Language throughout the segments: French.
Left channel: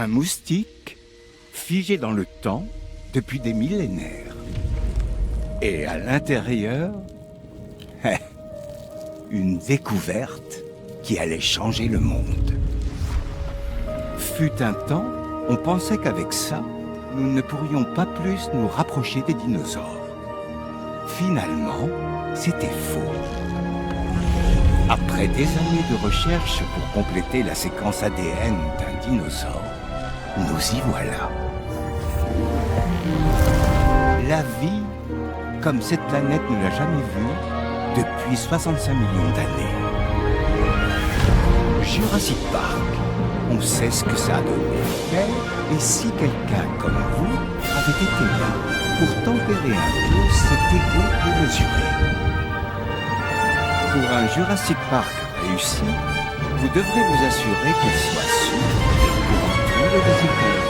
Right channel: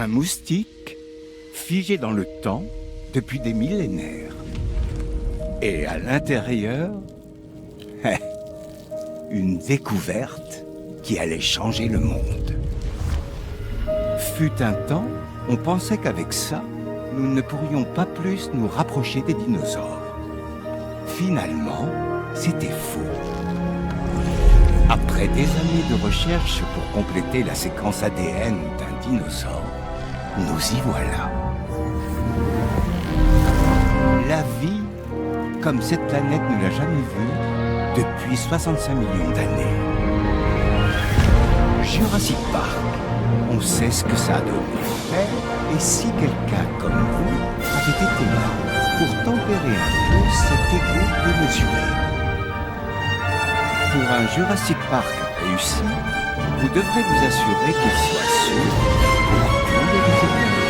Un moustique figé dans le temps depuis des millénaires. Et à l'intérieur, une découverte qui allait changer le monde. Fut un temps, on pensait qu'avec ça, nous ne pourrions pas plus nous rapprocher des dinosaures. Finalement, c'était faux. Après des années de recherche pour compléter la séquence ADN d'un dinosaure, nous y voilà. La vie, comme cette planète ne l'a jamais vue, depuis 65 millions d'années. Jurassic Park, on sait ce que ça a donné. Mais, et si quelqu'un comme vous avait été là pour tempérer un peu cet égo démesuré? Pour un Jurassic Park réussi, vous devrez vous assurer qu'il soit sûr pour tous les visiteurs.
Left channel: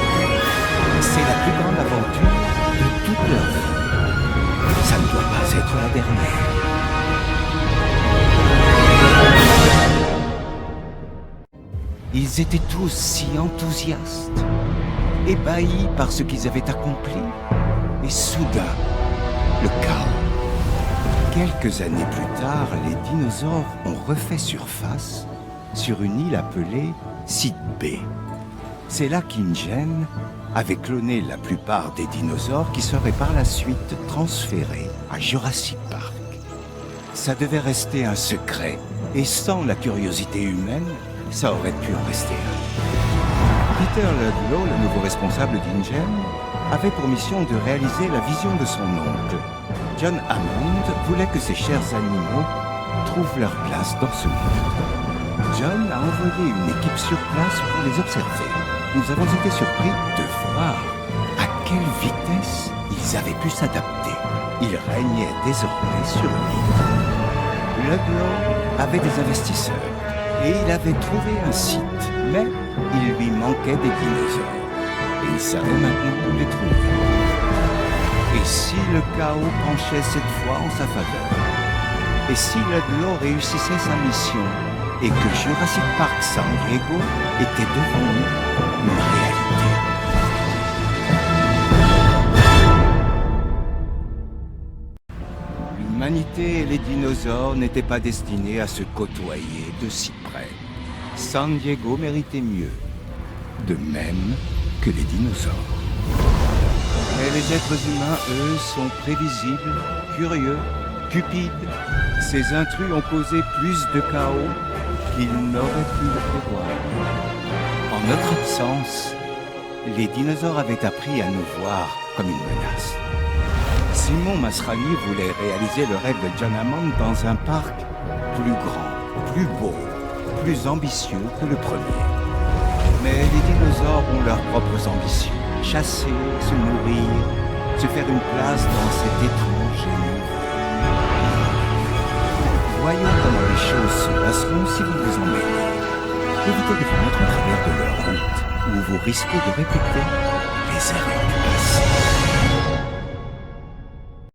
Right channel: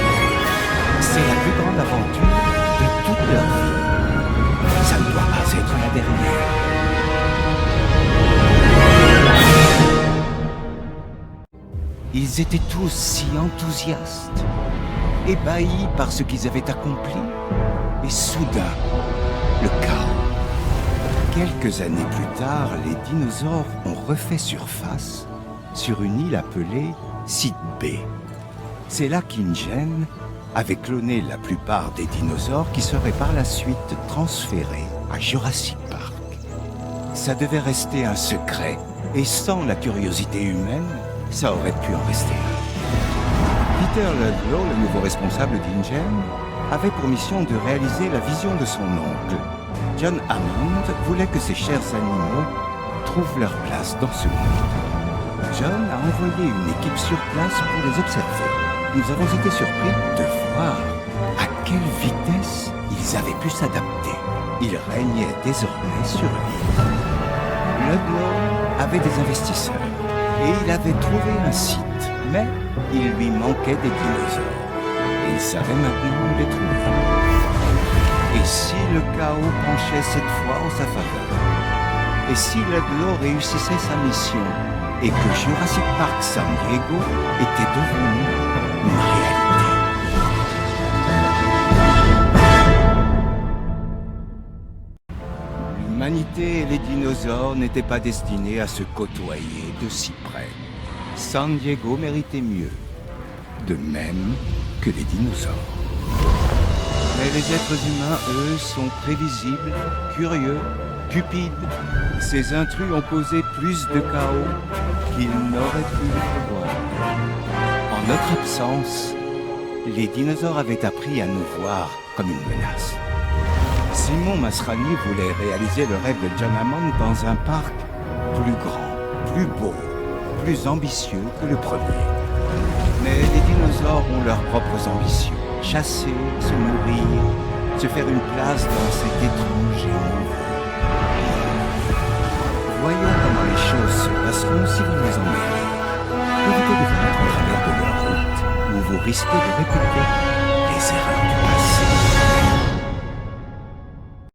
C'est la plus grande aventure de toute leur vie. Ça ne doit pas être la dernière. Ils étaient tous si enthousiastes, ébahis par ce qu'ils avaient accompli, et soudain, le chaos. Quelques années plus tard, les dinosaures ont refait surface sur une île appelée Site B. C'est là qu'InGen avait cloné la plupart des dinosaures qui seraient par la suite transférés à Jurassic Park. Ça devait rester un secret, et sans la curiosité humaine, ça aurait pu en rester un. Peter Ludlow, le nouveau responsable d'InGen, avait pour mission de réaliser la vision de son oncle. John Hammond voulait que ces chers animaux trouvent leur place dans ce monde. John a envoyé une équipe sur place pour les observer. Nous avons été surpris de voir à quelle vitesse ils avaient pu s'adapter. Ils régnaient désormais sur l'île. Ludlow avait des investisseurs et il avait trouvé un site, mais il lui manquait des dinosaures. Et il savait maintenant où les trouver. Et si le chaos penchait cette fois en sa faveur? Et si Ludlow réussissait sa mission et que Jurassic Park San Diego était devenu une réalité? L'humanité et les dinosaures n'étaient pas destinés à se côtoyer de si près. San Diego méritait mieux, de même que les dinosaures. Mais les êtres humains, eux, sont prévisibles, curieux, cupides. Ces intrus ont causé plus de chaos qu'ils n'auraient pu le prévoir. En notre absence, les dinosaures avaient appris à nous voir comme une menace. Simon Masrani voulait réaliser le rêve de John Hammond dans un parc plus grand, plus beau, plus ambitieux que le premier. Mais les dinosaures ont leurs propres ambitions. Chasser, se nourrir, se faire une place dans cet étrange et nouveau. Voyons comment les choses se passeront si vous vous en mêlez. Évitez de vous mettre en travers de leur route, où vous risquez de répéter les erreurs du passé.